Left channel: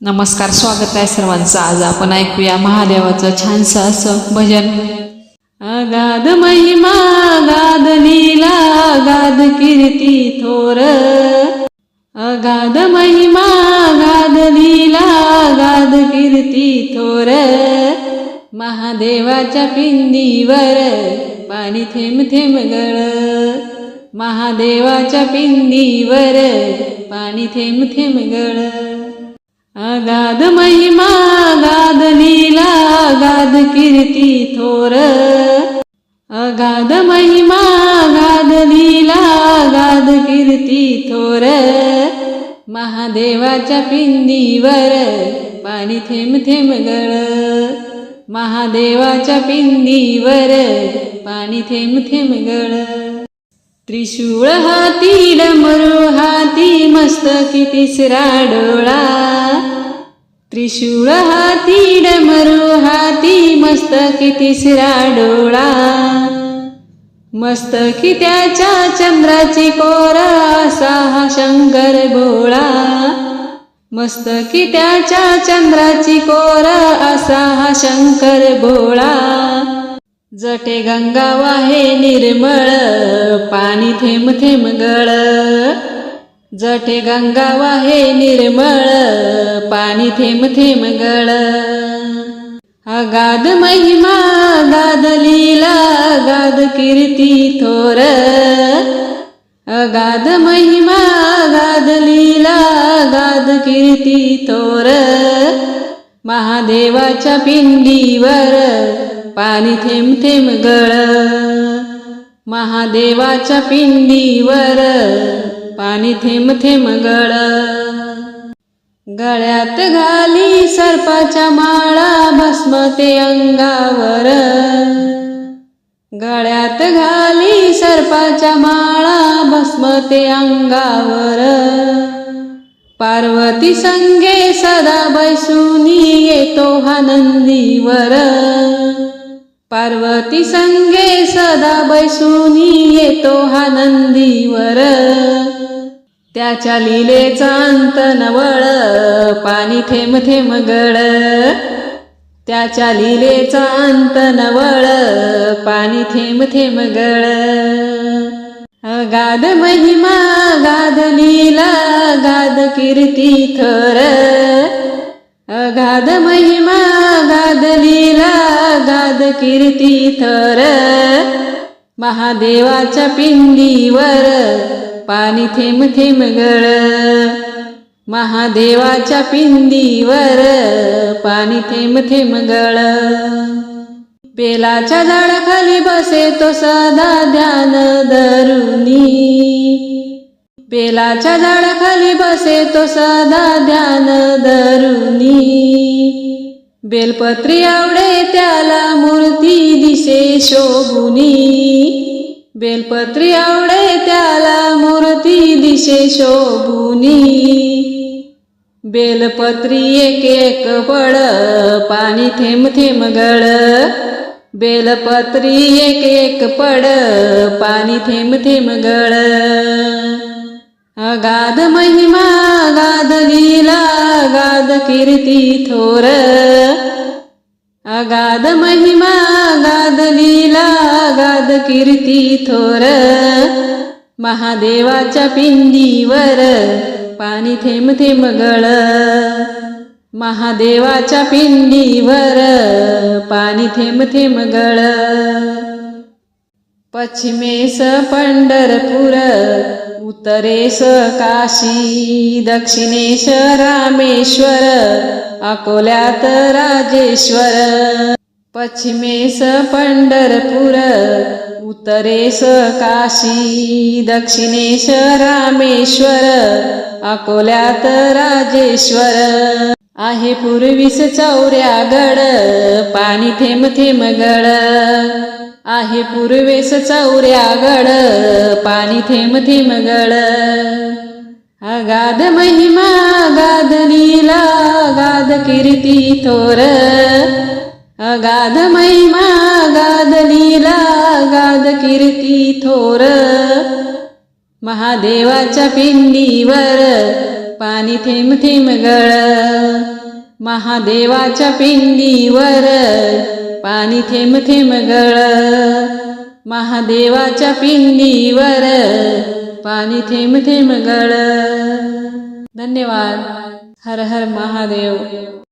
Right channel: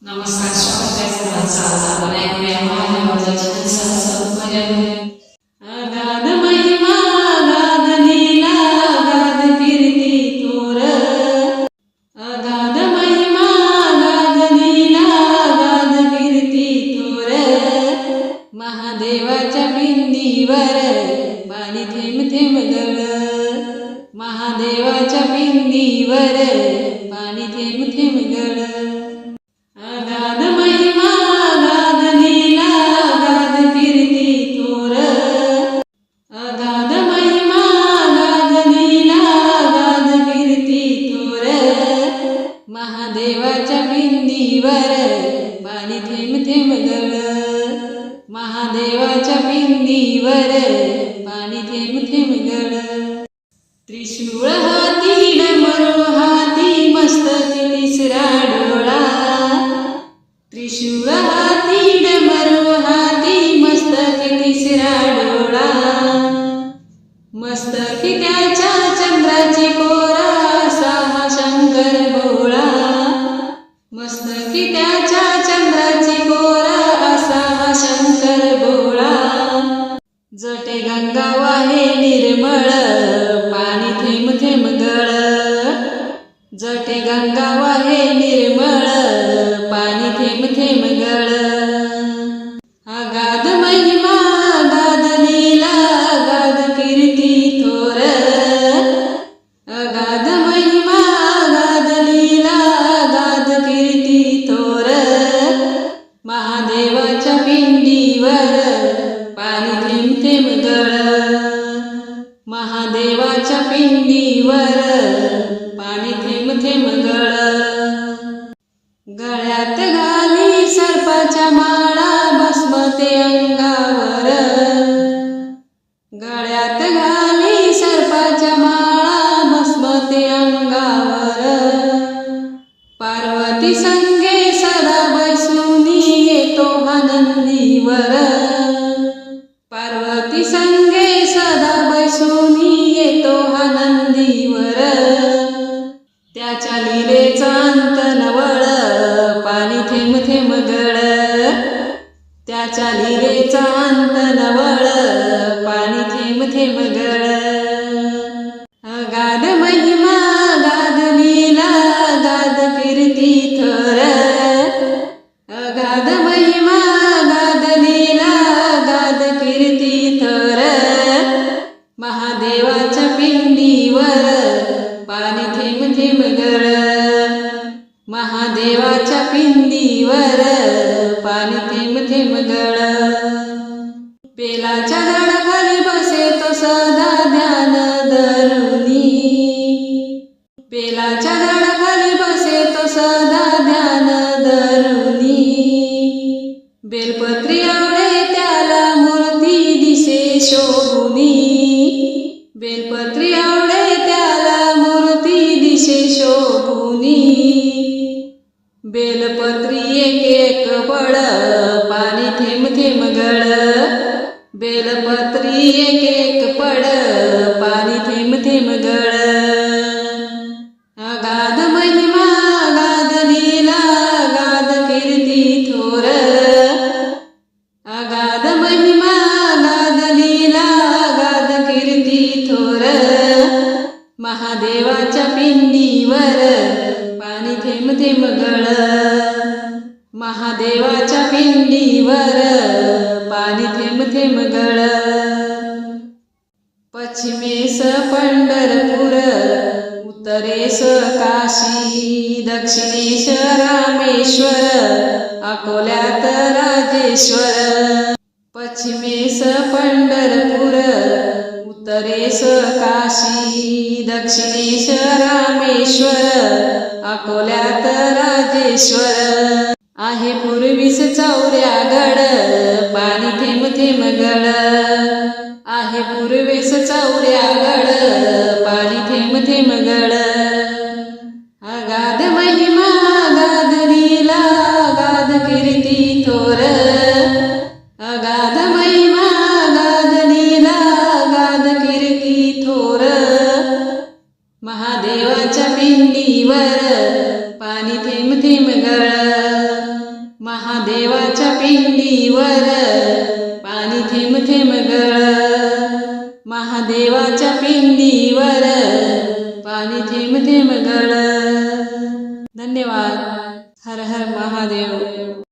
नमस्कार स्वागत आहे सर्वांचं. आज आपण ऐकूया महादेवाचं छानसं असं भजन. अगाध महिमा गाध लीला गाध कीर्ती थोर. अगाध महिमा गाद लीला गाध कीर्ती थोर. महादेवाच्या पिंडीवर पाणी थेंब थेंब गळ. महादेवाच्या पिंडीवर पाणी थेंब थेंब गळ. गाद महिमा गाद लीला गाद कीर्ती थोर. अगाध महिमा गाद लीला गाद कीर्ती थोर. महादेवाच्या पिंडीवर पाणी थेंब थेंब गळ महादेवाच्या पिंडीवर पाणी थेंब थेंब गळ त्रिशूळ हाती डमरू हाती मस्तकी तिसरा डोळा. त्रिशूळ हाती डमरू हाती मस्तकी तिसरा डोळा. मस्तकी त्याच्या चंद्राची कोरा असा हा शंकर भोळा. मस्तकी त्याच्या चंद्राची कोरा असा हा शंकर भोळा. जटे गंगा वाहे निर्मळ पाणी थेंब थेंब गळ. जटे गंगा वाहे निर्मळ पाणी थेंब थेंब गळ. अगाध महिमा गाद लीला गाद कीर्ती थोर. अगाध महिमा गाद लीला गाद कीर्ती थोर. महादेवाच्या पिंडीवर पाणी थेंब थेंब गळ. महादेवाच्या पिंडीवर पाणी थेंब थेंब गळ. गळ्यात घाली सर्पाच्या माळा भस्म ते अंगावर. गळ्यात घाली सर्पाच्या माळा भस्म ते अंगावर. पार्वती संगे सदा बैसुनी येतो हा नंदीवर. पार्वती संगे सदा बैसुनी येतो हा नंदीवर. त्याच्या लिलेचा अंत नवळ पाणी थेंब थेंब गळ. त्याच्या लिलेचा अंत नवळ पाणी थेंब थेंब गळ. गाद महिमा गाद लीला गाद कीर्ती थोर. अगाध महिमा गाद लीला गाद कीर्ती थोर. महादेवाच्या पिंडीवर पाणी थेंब थेंब गळ. महादेवाच्या पिंदीवर पाणी थेंब थेंब गळ. बेलाच्या झाडाखाली बसे तो सदा ध्यान धरुनी. बेलाच्या झाडाखाली बसे तो सदा ध्यान धरुनी. बेलपत्री आवडे त्याला मूर्ती दिसे शोभुनी. बेलपत्री आवडे त्याला मूर्ती दिशे शोभुनी. बेलपत्री एक एक पड पाणी थेंब थेंब गळ. बेलपत्री एक एक पड पाणी थेंब थेंब गळ. अगाध महिमा गाद लीला गाद कीर्ती थोर. अगाध महिमा गाद लीला गाद कीर्ती थोर महादेवाच्या पिंडीवर पाणी थेंब थेंब गळ महादेवाच्या पिंडीवर पाणी थेंब थेंब गळ पश्चिमेस पंढरपूर उत्तरेस काशी दक्षिणेश रामेश्वर अकोल्यात राजेश्वर पश्चिमेस पंढरपूर उत्तरेस काशी दक्षिणेश रामेश्वर अकोल्यात राजेश्वर. आहे पूर्वीस चौऱ्यागड पाणी थेंब थेंब गड. आहे पूर्वेस चौऱ्यागड पाणी थेंब थेंब गड. अगाध महिमा अगाध लीला अगाध कीर्ती थोर. अगाध महिमा अगाध लीला अगाध कीर्ती थोर. महादेवाच्या पिंडीवर पाणी थेंब थेंब गळ. महादेवाच्या पिंडीवर पाणी थेंब थेंब गळ. महादेवाच्या पिंडीवर पाणी थेंब थेंब गळ. धन्यवाद. हर हर महादेव.